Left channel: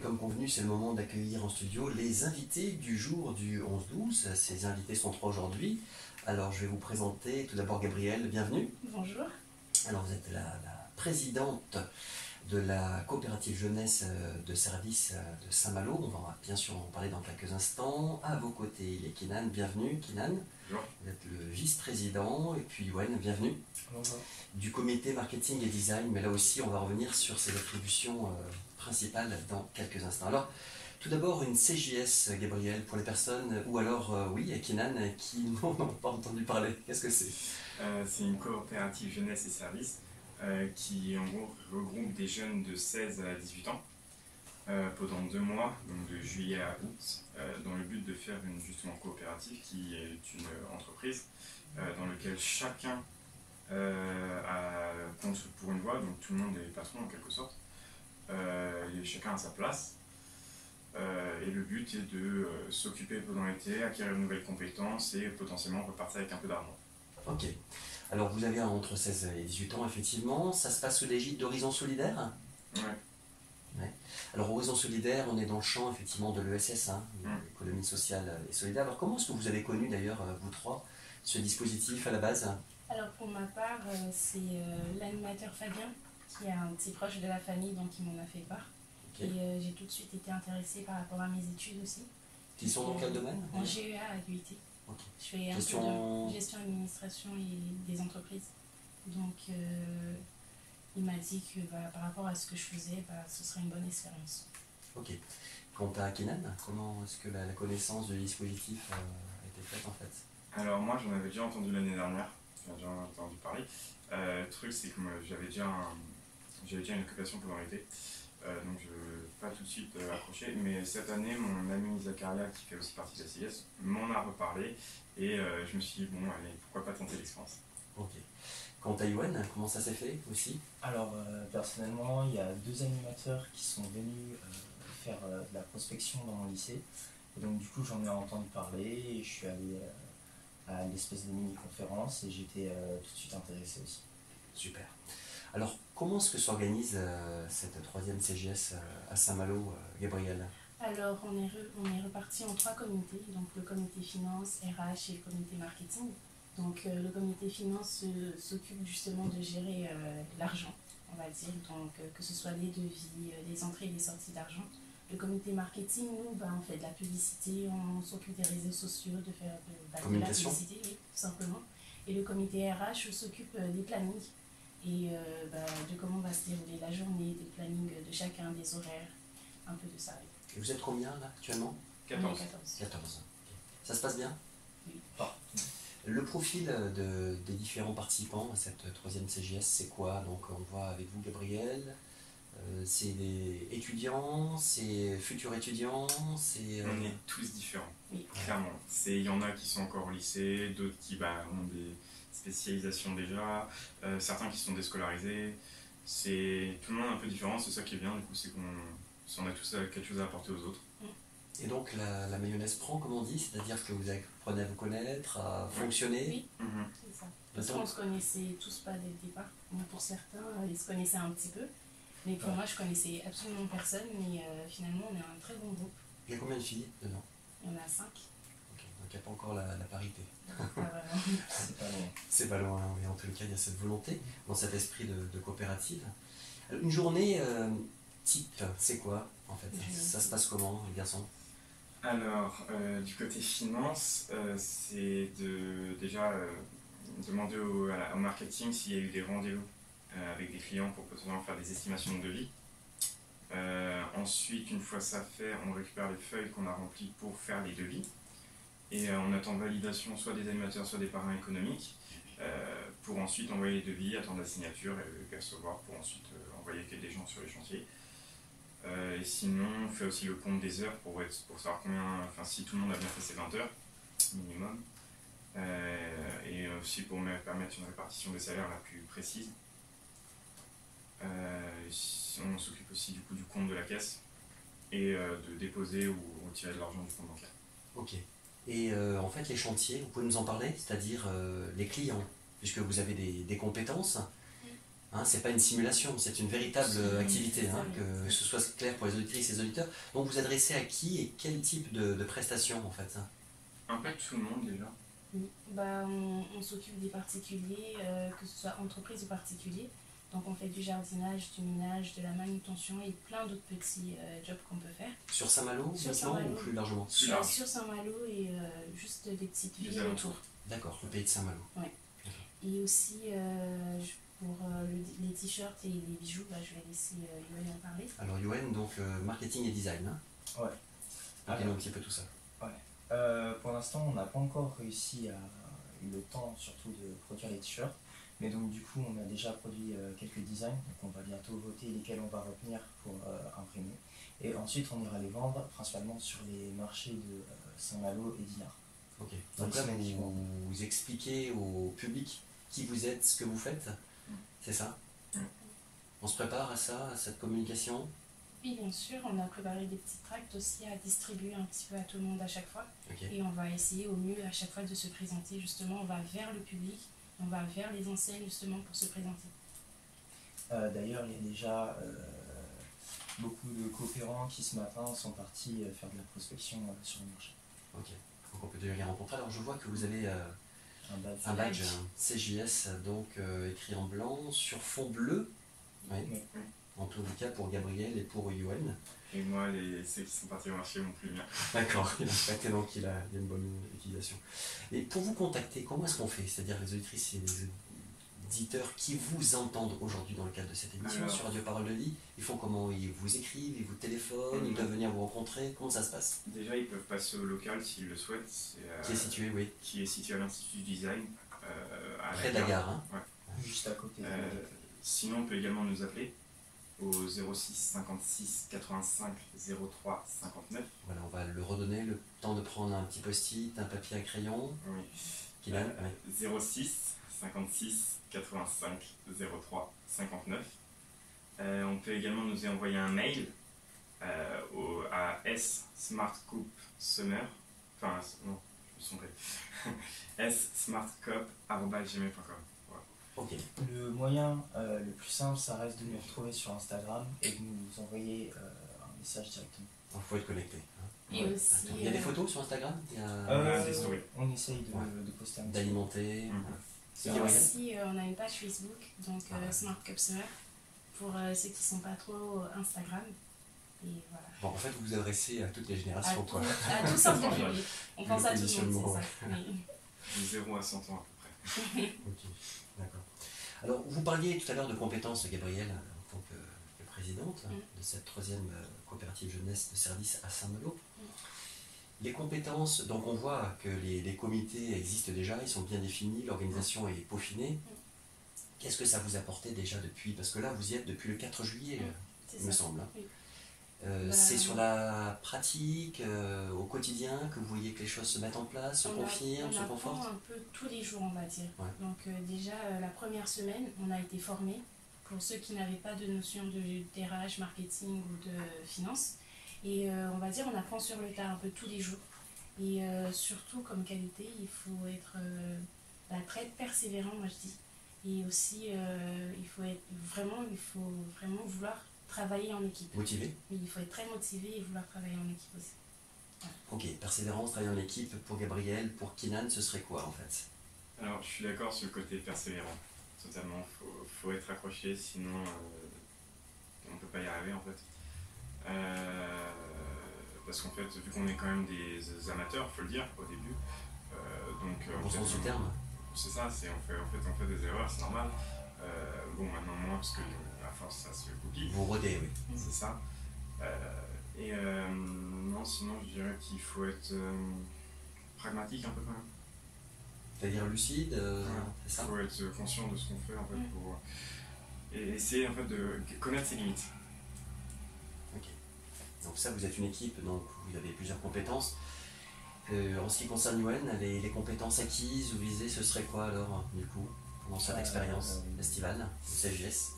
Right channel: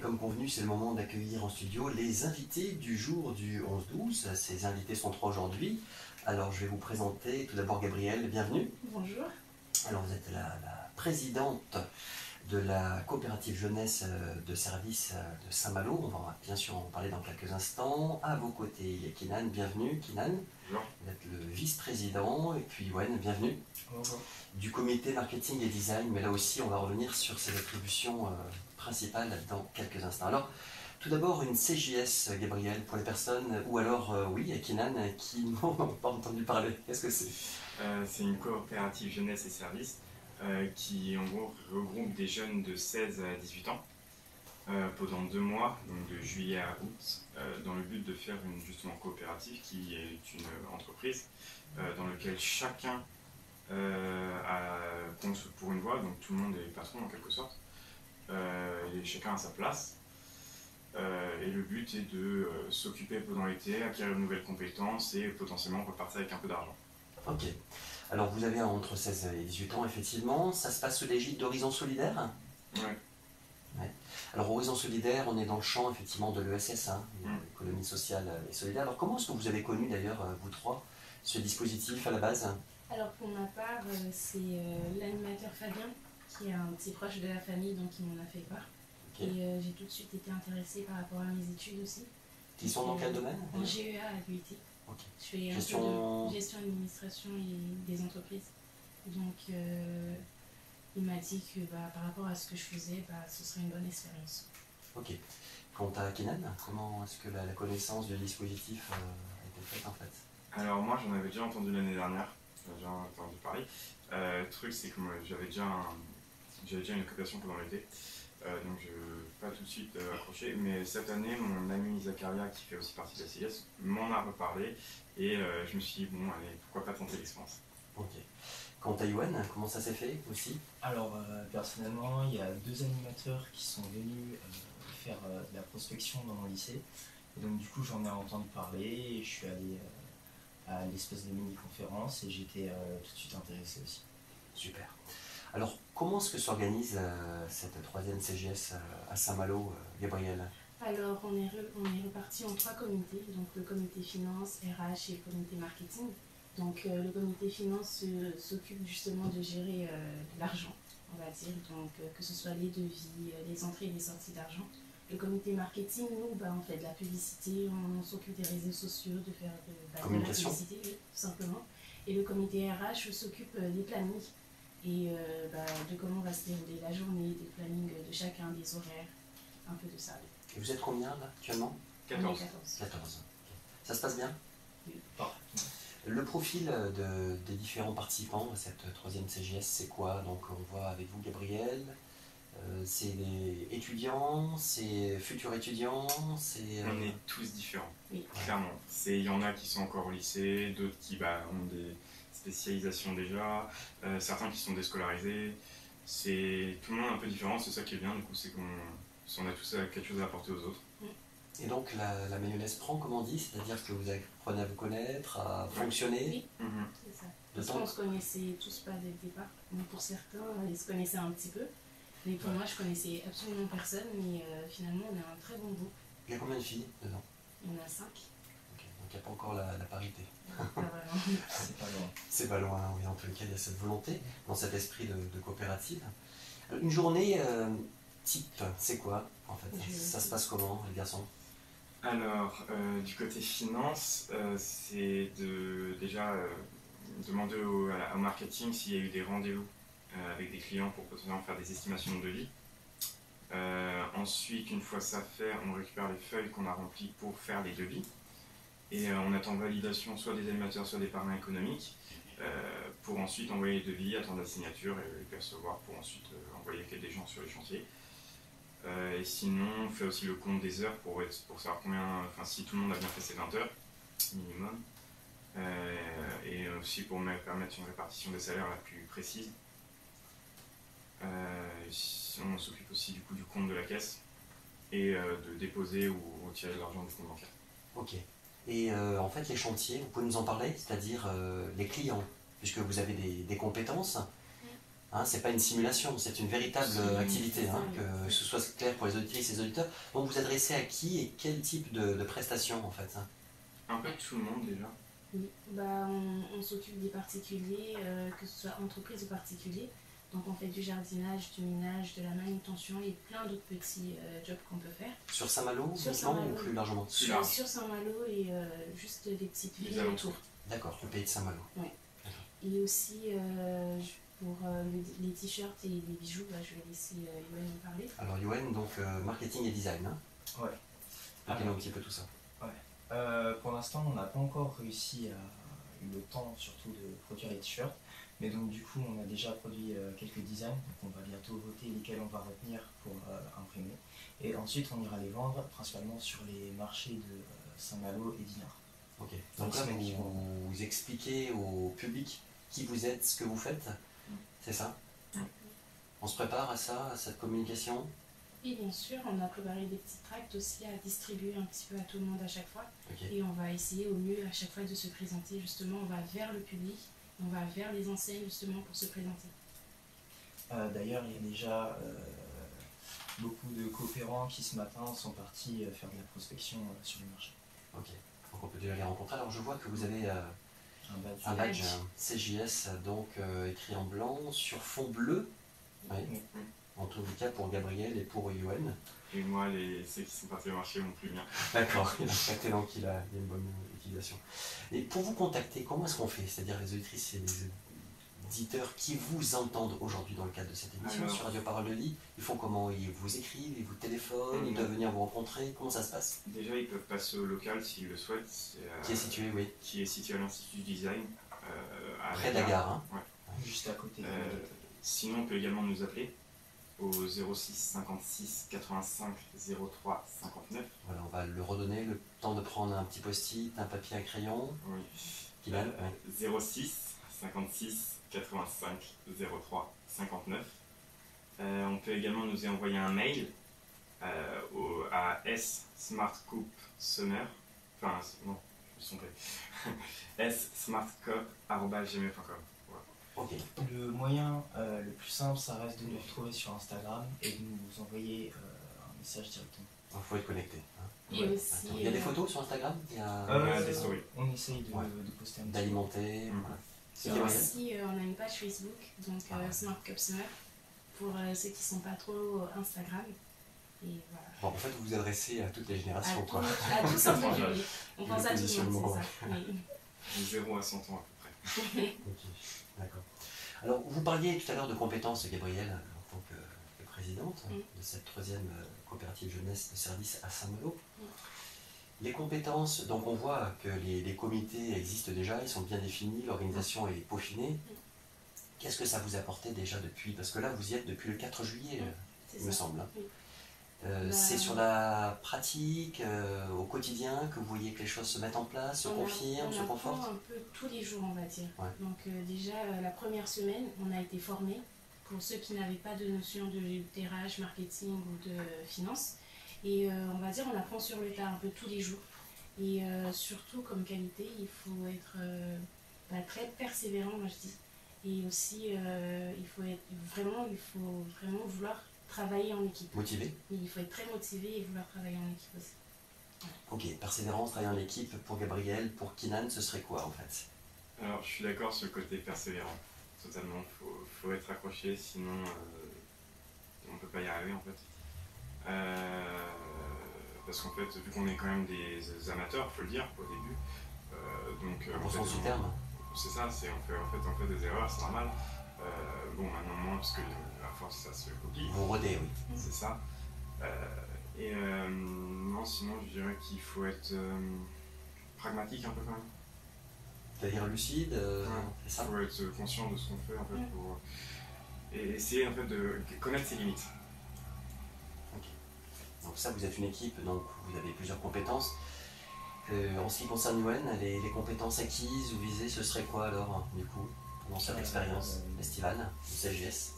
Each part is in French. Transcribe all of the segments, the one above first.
Et comme convenu, c'est le moment d'accueillir en studio les invités du jour du 11-12. Ces invités sont trois aujourd'hui. Alors je vais vous présenter tout d'abord Gabrielle, bienvenue. Bonjour. Alors vous êtes la présidente de la coopérative jeunesse de service de Saint-Malo. On va bien sûr en parler dans quelques instants. À vos côtés, il y a Kinan, bienvenue Kinan. Bonjour. Vous êtes le vice-président. Et puis Wen, bienvenue. Bonjour. Du comité marketing et design, mais là aussi on va revenir sur ses attributions principales dans quelques instants. Alors, tout d'abord une CJS, Gabriel, pour les personnes, ou alors, oui, Kinan, qui n'ont pas entendu parler. Qu'est-ce que c'est? C'est une coopérative jeunesse et services qui en gros regroupe des jeunes de 16 à 18 ans pendant 2 mois, donc de juillet à août, dans le but de faire une justement coopérative qui est une entreprise dans laquelle chacun compte pour une voix, donc tout le monde est patron en quelque sorte, et chacun a sa place. Et le but est de s'occuper pendant l'été, acquérir de nouvelles compétences et potentiellement repartir avec un peu d'argent. Ok. Alors vous avez entre 16 et 18 ans, effectivement. Ça se passe sous l'égide d'Horizon Solidaire? Oui. Ouais. Alors Horizon Solidaire, on est dans le champ effectivement de l'ESS, hein, l'économie sociale et solidaire. Alors comment est-ce que vous avez connu d'ailleurs, vous trois, ce dispositif à la base? Alors pour ma part, c'est l'animateur Fabien, qui est un de ses proches de la famille, donc il m'en a fait part. Okay. Et j'ai tout de suite été intéressée par rapport à mes études aussi. Qui sont dans quel domaine? En GEA à l'UIT. Okay. Je fais gestion administration et des entreprises. Donc il m'a dit que par rapport à ce que je faisais, ce serait une bonne expérience. Ok. Quant à Kinan, comment est-ce que la connaissance du dispositif a été faite en fait? Alors moi j'en avais déjà entendu l'année dernière, j'en ai déjà entendu parler. Le truc c'est que j'avais déjà une occupation pendant l'été, donc je n'ai pas tout de suite accroché, mais cette année mon ami Zakaria qui fait aussi partie de la CIS m'en a reparlé et je me suis dit bon allez pourquoi pas tenter l'expérience. Ok. Quant à Yoann, comment ça s'est fait aussi? Alors personnellement il y a 2 animateurs qui sont venus faire de la prospection dans mon lycée, et donc du coup j'en ai entendu parler et je suis allé à l'espèce de mini-conférence et j'étais tout de suite intéressé aussi. Super. Alors, comment est-ce que s'organise cette 3e CGS à Saint-Malo, Gabrielle? Alors, on est reparti en 3 comités, donc le comité finance, RH et le comité marketing. Donc, le comité finance s'occupe justement de gérer l'argent, on va dire, donc que ce soit les devis, les entrées et les sorties d'argent. Le comité marketing, nous, on fait de la publicité, on s'occupe des réseaux sociaux, de faire de la publicité, oui, tout simplement. Et le comité RH s'occupe des plannings et de comment va se dérouler la journée, des plannings de chacun, des horaires, un peu de ça. Et vous êtes combien là actuellement? 14. 14. Ça se passe bien? Oui. Le profil des différents participants à cette 3e CGS, c'est quoi? Donc on voit avec vous Gabrielle. C'est des étudiants, c'est futurs étudiants, c'est... On est tous différents, oui. Clairement. Il y en a qui sont encore au lycée, d'autres qui ont des spécialisations déjà, certains qui sont déscolarisés. Tout le monde est un peu différent, c'est ça qui est bien, du coup, c'est qu'on a tous quelque chose à apporter aux autres. Et donc la mayonnaise prend, comme on dit, c'est-à-dire que vous apprenez à vous connaître, à fonctionner. Oui, c'est ça. Parce qu'on ne se connaissait tous pas dès le départ. Bon, pour certains, ils se connaissaient un petit peu. Mais pour moi, je connaissais absolument personne, mais finalement, on est un très bon groupe. Il y a combien de filles dedans? Il y en a 5. Okay. Donc il n'y a pas encore la parité. Pas vraiment. C'est pas loin. C'est pas loin, oui. En tout cas, il y a cette volonté, dans cet esprit de coopérative. Une journée type, c'est quoi en fait? Ça se passe comment, les garçons? Alors, du côté finance, c'est déjà demander au marketing s'il y a eu des rendez-vous avec des clients pour potentiellement faire des estimations de devis. Ensuite, une fois ça fait, on récupère les feuilles qu'on a remplies pour faire les devis. Et on attend validation soit des animateurs, soit des parrains économiques, pour ensuite envoyer les devis, attendre la signature et les percevoir pour ensuite envoyer des gens sur les chantiers. Et sinon, on fait aussi le compte des heures pour savoir si tout le monde a bien fait ses 20 heures minimum. Et aussi pour permettre une répartition des salaires la plus précise. On s'occupe aussi du coup du compte de la caisse et de déposer ou retirer de l'argent du compte bancaire. Ok. Et en fait, les chantiers, vous pouvez nous en parler, c'est-à-dire les clients, puisque vous avez des compétences. Hein, c'est pas une simulation, c'est une véritable activité, hein, que ce soit clair pour les auditrices et les auditeurs. Donc vous adressez à qui et quel type de prestations en fait, hein? Un peu tout le monde déjà. Oui. Bah, on s'occupe des particuliers, que ce soit entreprises ou particuliers. Donc on fait du jardinage, du ménage, de la manutention et plein d'autres petits jobs qu'on peut faire. Sur Saint-Malo Sur uniquement Saint-Malo, ou plus largement? Sur Saint-Malo et juste des petites villes autour. D'accord, le pays de Saint-Malo. Oui. Et aussi pour les t-shirts et les bijoux, bah, je vais laisser Yoann en parler. Alors Yoann, donc marketing et design, hein? Ouais. Parlez-nous un petit peu tout ça. Pour l'instant, on n'a pas encore réussi à eu le temps surtout de produire les t-shirts. Mais donc du coup, on a déjà produit quelques designs. Donc on va bientôt voter lesquels on va retenir pour imprimer. Et ensuite, on ira les vendre principalement sur les marchés de Saint-Malo et d'Inard. Ok. Donc là, vous expliquez au public qui vous êtes, ce que vous faites, c'est ça? On se prépare à ça, à cette communication? Oui, bien sûr, on a préparé des petits tracts aussi à distribuer un petit peu à tout le monde à chaque fois. Okay. Et on va essayer au mieux à chaque fois de se présenter, justement, on va vers le public, on va vers les enseignes justement pour se présenter. D'ailleurs, il y a déjà beaucoup de coopérants qui ce matin sont partis faire de la prospection sur les marchés. Ok, donc on peut déjà les rencontrer. Alors je vois que vous avez un badge CJS, donc écrit en blanc sur fond bleu. Oui. En tout cas pour Gabriel et pour Yoann. Et moi, ceux qui sont partis au marché m'ont plus bien. D'accord, il a impacté, donc il a une bonne utilisation. Et pour vous contacter, comment est-ce qu'on fait? C'est-à-dire les auditrices et les auditeurs qui vous entendent aujourd'hui dans le cadre de cette émission sur Radio Parole de Lille, ils font comment? Ils vous écrivent, ils vous téléphonent, ils doivent venir vous rencontrer? Comment ça se passe? Déjà, ils peuvent passer au local s'ils le souhaitent. Qui est situé, oui. Qui est situé à l'Institut du Design. Près de la gare, hein? Ouais. Juste à côté. Sinon, on peut également nous appeler au 06 56 85 03 59. Voilà, on va le redonner, le temps de prendre un petit post-it, un papier, un crayon. Oui. Kylian, 06 56 85 03 59. On peut également nous envoyer un mail à smartcoupsummer. Enfin, non, je me suis trompé. smartcop@gmail.com. Ok. Le moyen le plus simple, ça reste de nous retrouver sur Instagram et de nous envoyer un message directement. Il faut être connecté. Hein. Et aussi, il y a des photos sur Instagram? Il y a des stories. On essaye de poster un petit peu. D'alimenter. Et aussi, on a une page Facebook, donc Smart Cup Summer, pour ceux qui ne sont pas trop Instagram. Et voilà. Bon, en fait, vous vous adressez à toutes les générations, quoi. À tous en public. On pense à tout le monde, c'est ça. Oui. Du 0 à 100 ans à peu près. Ok, d'accord. Alors, vous parliez tout à l'heure de compétences, Gabrielle, en tant que présidente de cette 3e coopérative jeunesse de service à Saint-Malo. Les compétences, donc on voit que les comités existent déjà, ils sont bien définis, l'organisation est peaufinée. Qu'est-ce que ça vous apportait déjà depuis? Parce que là, vous y êtes depuis le 4 juillet, il me semble. Oui. C'est sur la pratique, au quotidien, que vous voyez que les choses se mettent en place, se confirment, se confortent? On apprend un peu tous les jours, on va dire. Ouais. Donc déjà, la première semaine, on a été formés pour ceux qui n'avaient pas de notion de RH, marketing ou de finance. Et on va dire, on apprend sur le tas un peu tous les jours. Et surtout, comme qualité, il faut être très persévérant, moi je dis. Et aussi, il faut vraiment vouloir travailler en équipe. Motivé? Oui, il faut être très motivé et vouloir travailler en équipe aussi. Ok, persévérance, travailler en équipe, pour Gabriel, pour Kylian, ce serait quoi en fait? Alors, je suis d'accord sur le côté persévérant. Totalement, faut être accroché, sinon on ne peut pas y arriver en fait. Parce qu'en fait, vu qu'on est quand même des amateurs, il faut le dire au début, donc Au sens du terme. C'est ça, on fait des erreurs, c'est normal. Bon, maintenant moins, parce que à force ça se copie. Vous rodez, oui. C'est ça. Non, sinon je dirais qu'il faut être pragmatique un peu quand même. C'est-à-dire lucide, c'est ça? Il faut être conscient de ce qu'on fait en fait et essayer en fait de connaître ses limites. Ok. Donc ça, vous êtes une équipe, donc vous avez plusieurs compétences. En ce qui concerne Yoann, les compétences acquises ou visées, ce serait quoi alors, du coup, pendant cette expérience estivale du CJS?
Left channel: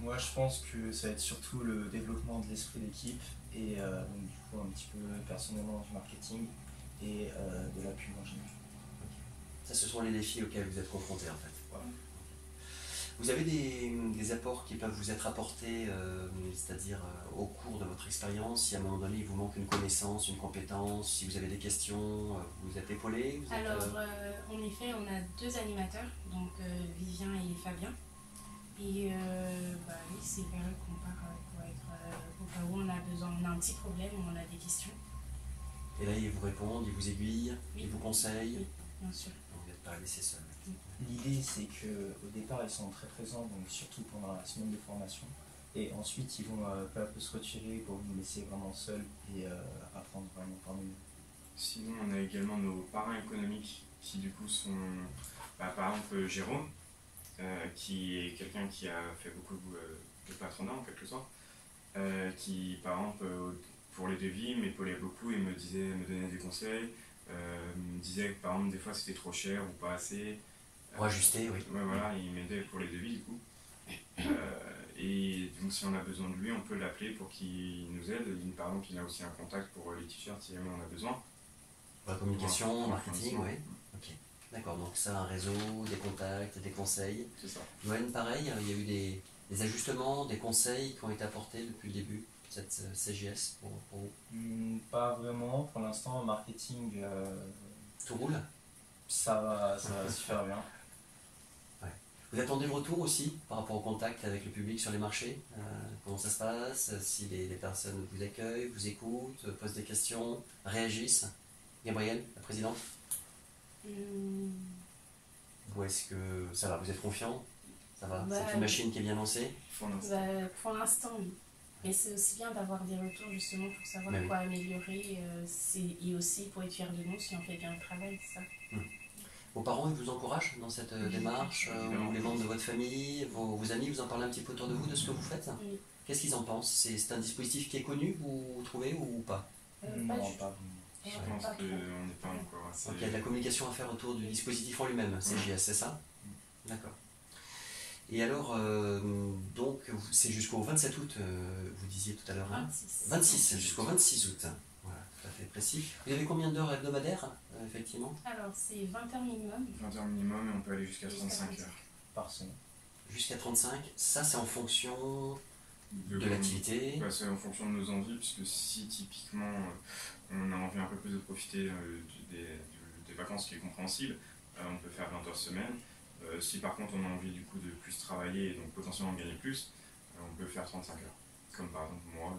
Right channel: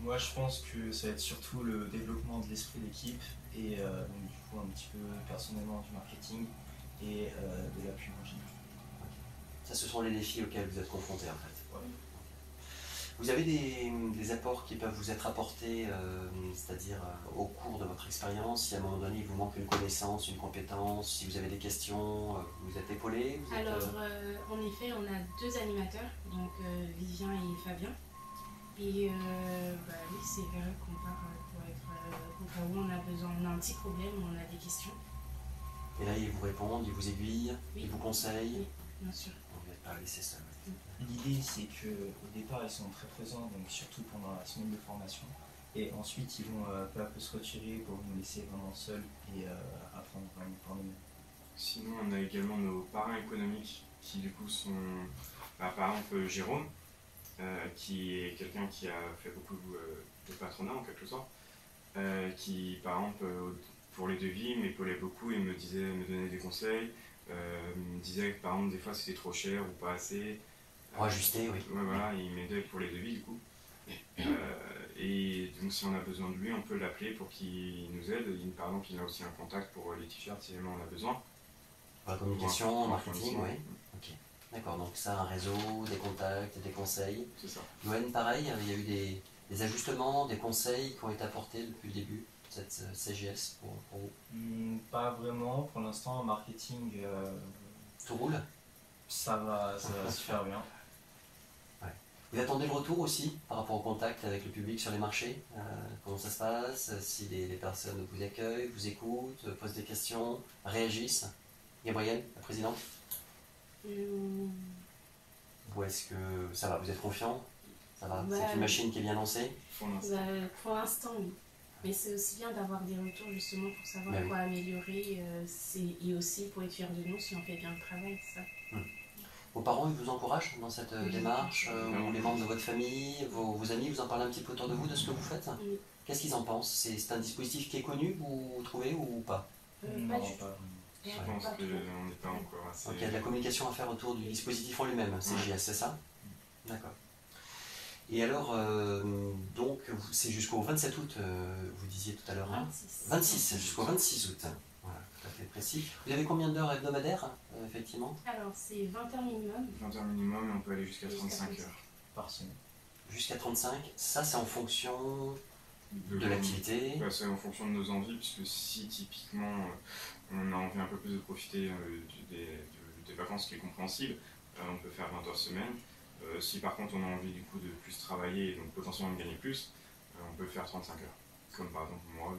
Moi, je pense que ça va être surtout le développement de l'esprit d'équipe et donc, du coup, un petit peu personnellement du marketing et de l'appui en général. Okay. Ça, ce sont les défis auxquels vous êtes confrontés en fait. Ouais. Vous avez des apports qui peuvent vous être apportés, c'est-à-dire au cours de votre expérience, si à un moment donné il vous manque une connaissance, une compétence, si vous avez des questions, vous êtes épaulé vous êtes, Alors, en effet, on a deux animateurs, donc Vivien et Fabien. Et oui, c'est vers eux qu'on part pour être au cas où on a besoin, on a un petit problème, on a des questions. Et là, ils vous répondent, ils vous aiguillent, Oui. ils vous conseillent. Oui, bien sûr. Donc, vous n'êtes pas laissé seul. L'idée, c'est qu'au départ, ils sont très présents, donc surtout pendant la semaine de formation. Et ensuite, ils vont peu à peu se retirer pour nous laisser vraiment seuls et apprendre vraiment par nous-mêmes. Sinon, on a également nos parrains économiques qui du coup sont, par exemple, Jérôme, qui est quelqu'un qui a fait beaucoup de patronat en quelque sorte, qui par exemple pour les devis m'épaulait beaucoup et me donnait des conseils, me disait que par exemple des fois c'était trop cher ou pas assez. Pour ajuster, oui. Ouais, voilà, il m'aidait pour les devis du coup. Et donc si on a besoin de lui, on peut l'appeler pour qu'il nous aide. Par exemple, il a aussi un contact pour les t-shirts si jamais on a besoin. Pour la communication, Pour la marketing, oui. Ok. D'accord, donc ça, un réseau, des contacts, des conseils. C'est ça. Yoann, pareil, il y a eu des ajustements, des conseils qui ont été apportés depuis le début de cette CGS pour vous. Pas vraiment. Pour l'instant, en marketing, Tout roule? ça va super bien. Vous attendez le retour aussi par rapport au contact avec le public sur les marchés? Comment ça se passe? Si les personnes vous accueillent, vous écoutent, posent des questions, réagissent? Gabrielle, la présidente? Ou est-ce que ça va? Vous êtes confiant? Ça va? C'est une machine qui est bien lancée? Pour l'instant, oui. Mais c'est aussi bien d'avoir des retours justement pour savoir Mais oui. quoi améliorer et aussi pour être fier de nous si on fait bien le travail, c'est ça. Vos parents, ils vous encouragent dans cette démarche? Ou les membres de votre famille, vos amis vous en parlent un petit peu autour de vous de ce que vous faites? Oui. Qu'est-ce qu'ils en pensent? C'est un dispositif qui est connu, vous trouvez, ou pas? Pas Non, du tout. pas vraiment. Je Ouais, pense pas qu'on trop. n'est pas encore assez. Donc il y a de la communication à faire autour du dispositif en lui-même, CGS, c'est ça? D'accord. Et alors, donc, c'est jusqu'au 27 août, vous disiez tout à l'heure, hein? 26, jusqu'au 26 août. Voilà, tout à fait précis. Vous avez combien d'heures hebdomadaires, effectivement? Alors, c'est 20 heures minimum. 20 heures minimum et on peut aller jusqu'à Jusqu'à 35 35. heures. Par semaine. Jusqu'à 35. Ça, c'est en fonction de l'activité. Ouais, c'est en fonction de nos envies, puisque si typiquement on a envie un peu plus de profiter des vacances, qui est compréhensible, on peut faire 20 heures semaine. Si par contre on a envie du coup de plus travailler et donc potentiellement de gagner plus, on peut faire 35 heures. Comme par exemple moi.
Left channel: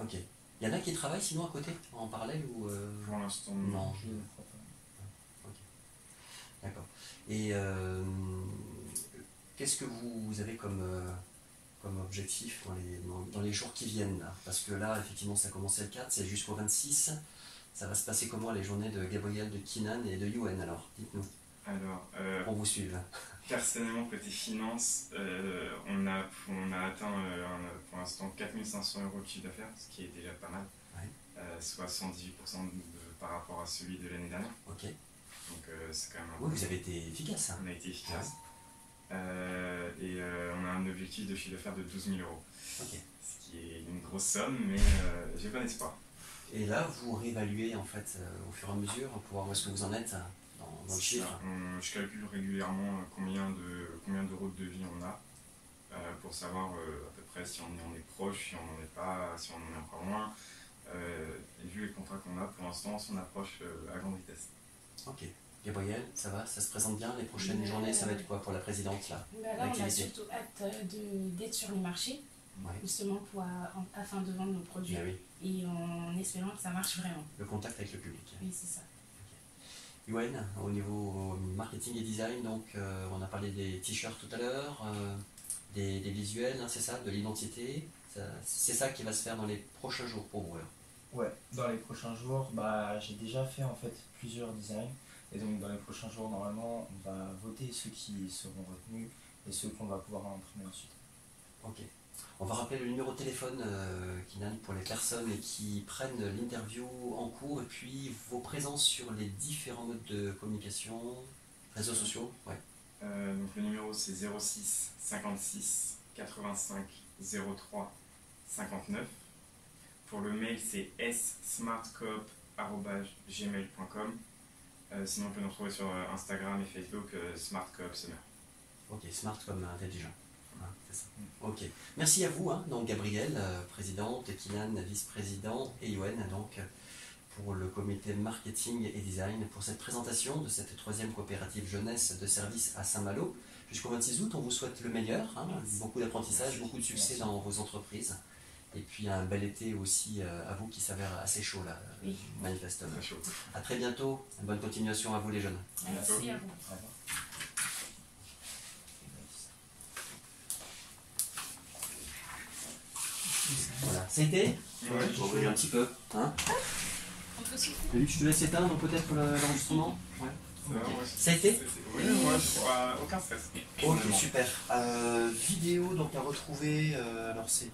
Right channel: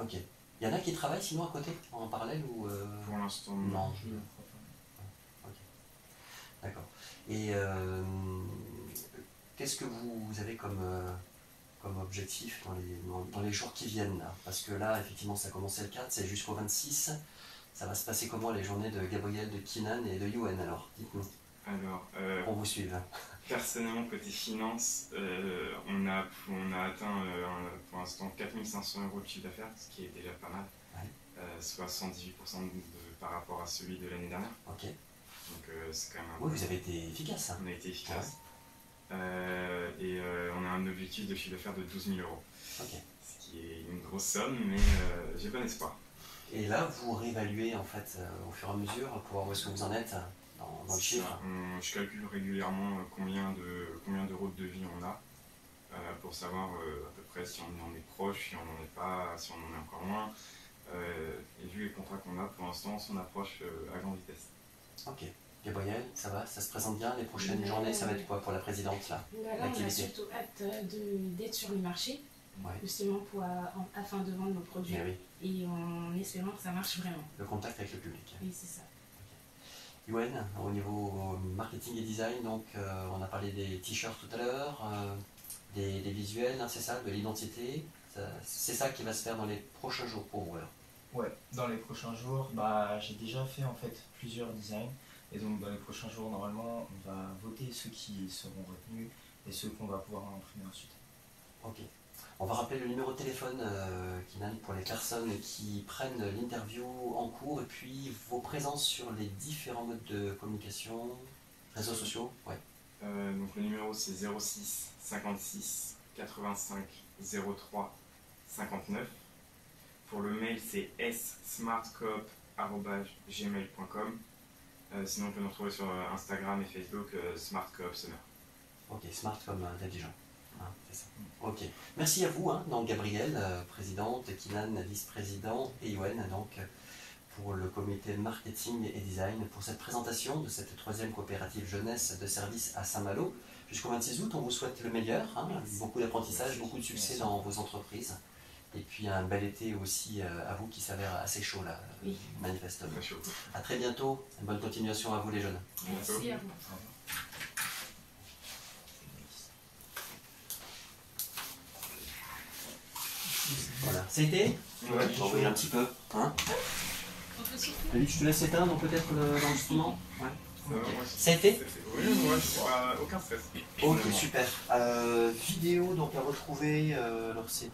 Ok. Il y en a qui travaillent sinon à côté, en parallèle ou Pour l'instant, Non. Je ne crois pas. Ok. D'accord. Et qu'est-ce que vous avez comme objectif dans les jours qui viennent là? Parce que là, effectivement, ça a commencé le 4, c'est jusqu'au 26. Ça va se passer comment les journées de Gabriel, de Kinan et de Yoann alors? Dites-nous. Alors, Pour vous suivre. personnellement, côté finance, on a atteint pour l'instant 4 500 € de chiffre d'affaires, ce qui est déjà pas mal, Ouais. soit 118% par rapport à celui de l'année dernière. Ok. Donc c'est quand même un Oui, vous avez été efficace. Hein. On a été efficace. Et on a un objectif de chiffre d'affaires de 12 000 €. Ok. Ce qui est une grosse somme, mais j'ai bon espoir. Et là, vous réévaluez en fait au fur et à mesure pour voir où est-ce que vous en êtes dans le chiffre. Je calcule régulièrement combien d'euros de devis on a pour savoir à peu près si on en est proche, si on n'en est pas, si on en est encore loin. Et vu les contrats qu'on a pour l'instant, on approche à grande vitesse. Ok. Gabriel, ça va? Ça se présente bien? Les prochaines journées, ça va être quoi pour la présidente là? Là, on a L'activité. surtout hâte d'être sur les marchés, Ouais. justement afin de vendre nos produits. Mais oui, Et en espérant que ça marche vraiment. le contact avec le public. Oui, c'est ça. Yoann, au niveau marketing et design, donc on a parlé des t-shirts tout à l'heure, des visuels, hein, c'est ça, de l'identité. C'est ça qui va se faire dans les prochains jours pour vous alors. Ouais, dans les prochains jours, j'ai déjà fait en fait plusieurs designs. Et donc dans les prochains jours, normalement, on va voter ceux qui seront retenus et ceux qu'on va pouvoir imprimer ensuite. Ok. On va rappeler le numéro de téléphone, Kinan, pour les personnes qui prennent l'interview en cours et puis vos présences sur les différents modes de communication, réseaux sociaux. Ouais. Donc le numéro c'est 06 56 85 03 59. Pour le mail c'est smartcoop@gmail.com. Sinon on peut nous retrouver sur Instagram et Facebook smartcoop summer. Ok, smart comme intelligent. Hein, c'est ça. Ok. Merci à vous, hein, donc Gabrielle, présidente, Kinan, vice-président, et Yoann, donc pour le comité marketing et design, pour cette présentation de cette 3e coopérative jeunesse de service à Saint-Malo. Jusqu'au 26 août, on vous souhaite le meilleur, hein, beaucoup d'apprentissage, beaucoup de succès dans vos entreprises. Et puis un bel été aussi à vous qui s'avère assez chaud là, Oui. manifestement. Très chaud. À très bientôt, bonne continuation à vous les jeunes. Merci à vous. Au revoir. Voilà. C'était Ouais. J'en vais un petit peu. Hein Autre souffle. David, je te laisse éteindre peut-être l'enregistrement. Ouais. Ça va, Ok. ouais, Ça a été Oui, moi, j'ai pas aucun stress. Ok, Finalement. super. Vidéo donc à retrouver, alors c'est